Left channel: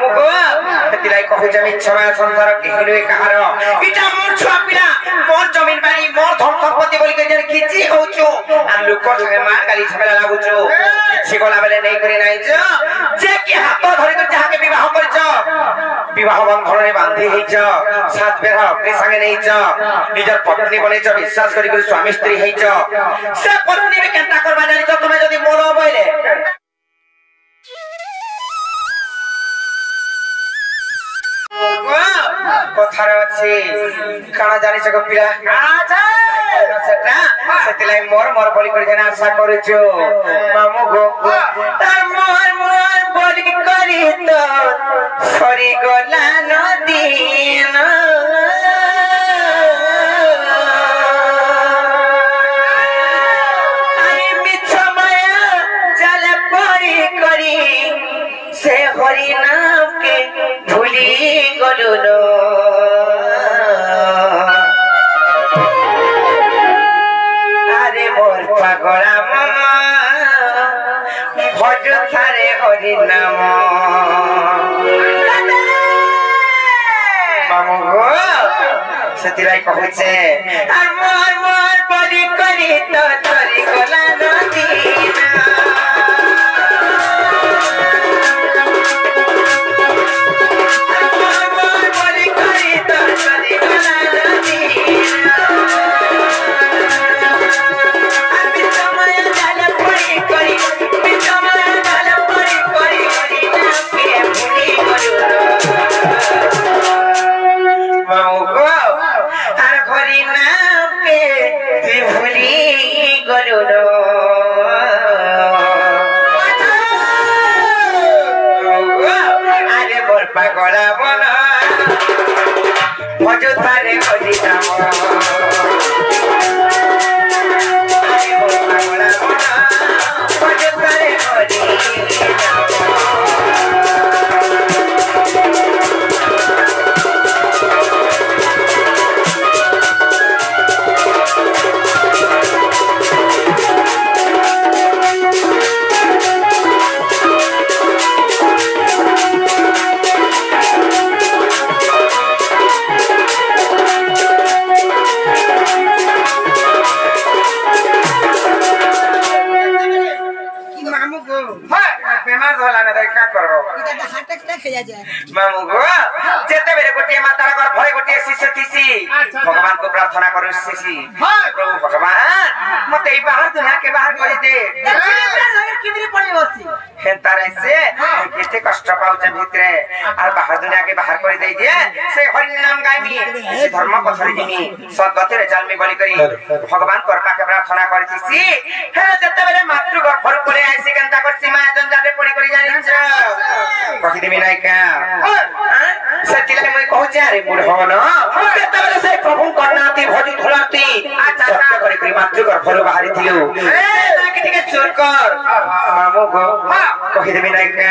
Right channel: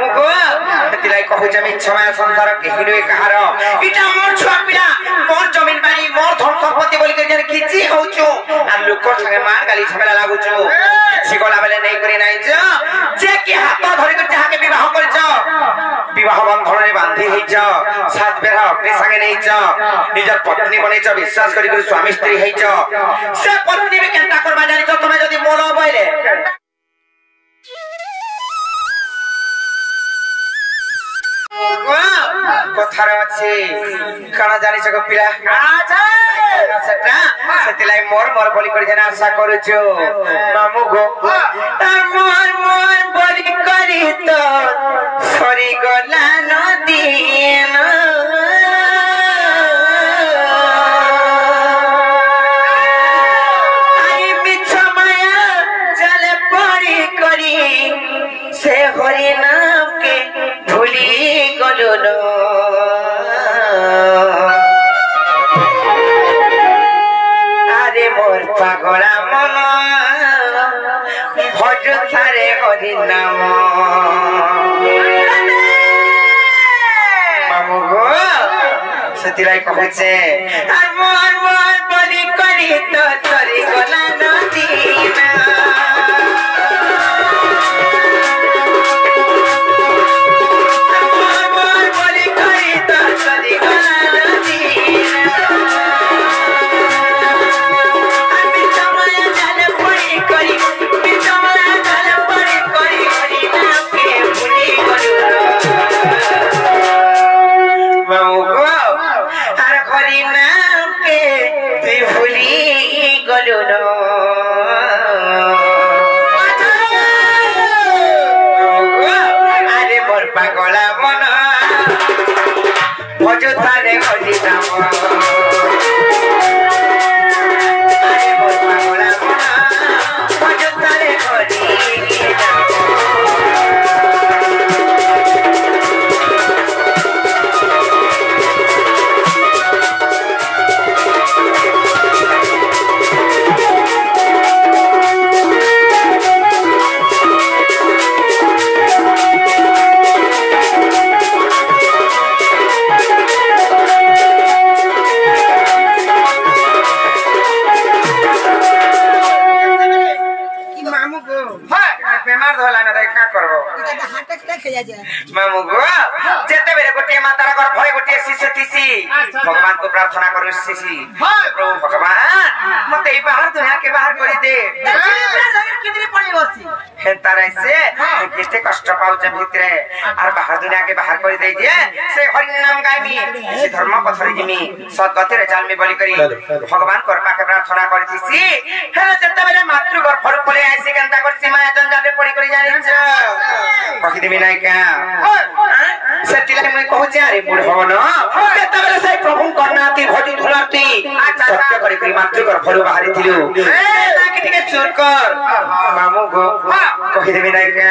मुगो तिलाई कहू जमीन छमाय संसार केहिनो कहार इटा मोर छुआ पिला मोर जमीन बाई मोर धन संपत्ति बोली के जन किछि होछु आ लोकर संगे मार गाली झगड़ा लागुछु किछि गला बेले नै करी नै जे कि हाथ धरि के जहा के विवाह करछ विवाह बंधन रे बांधी हेछ सात बेर अपने संगे नैछ निजर पत्नी बनेछ विश्वास करी करी स्वामी स्त्री हेछ से पत्नी में केंता करबा जानि छ तुमे जदी मोर बइले कथार अछि काना जानि छ पिला सेटा सेतिलाई मोर मोर बोली करी जना आशा करूछु मामू गो मोर मोर बोली करी तो सरी गला नदीन आई बिछ माया जल परी करी से हरि नाम के भूली गलु नो अरे मोर पागला मन भज थारे हरि नाम मामू गो सेतिलाई कहूचे मोर मोर बोली करी तो तरी गला नदीना पागला मन भज थारे हरि नाम अरे मोर पागला मन भज थारे हरि नाम बेमार धोला ना देखा करो इता त हार्ट अटैक हो जाए मामू गो जेते बेरे गोटे मातारा घर भय गोटे शिष्य थिसी भगवान को प्रार्थना करो शिष्य प्रभु भगवान मते ई बाहर दुनिया के बाहर करी दे कितनी पड़ी होसी हेतारे से किते कष्ट पाउछ भितरे और बाहर दुनिया के बाहर करी दे जे से हरि नाम गामी से धर्म पथरी दिमी सद्गति रे चाल में बलि करी भगवान कृपा के प्रार्थना करथिसी हेलो जेते बेरे मातृ घर फर पले आसी केनता कर सीमा जंजाले पड़ी करी जानि छ कहि देबे नै का सेतिले मैं कहू जे अरे बुढ़ो न जेते बेरे से प्रभु करनाती भजु धुलाती सत्य करी करी मातृ घर फर बाहरी थिलु ए ताकि ठीक चोर कर मामू गो कहि देबे नै का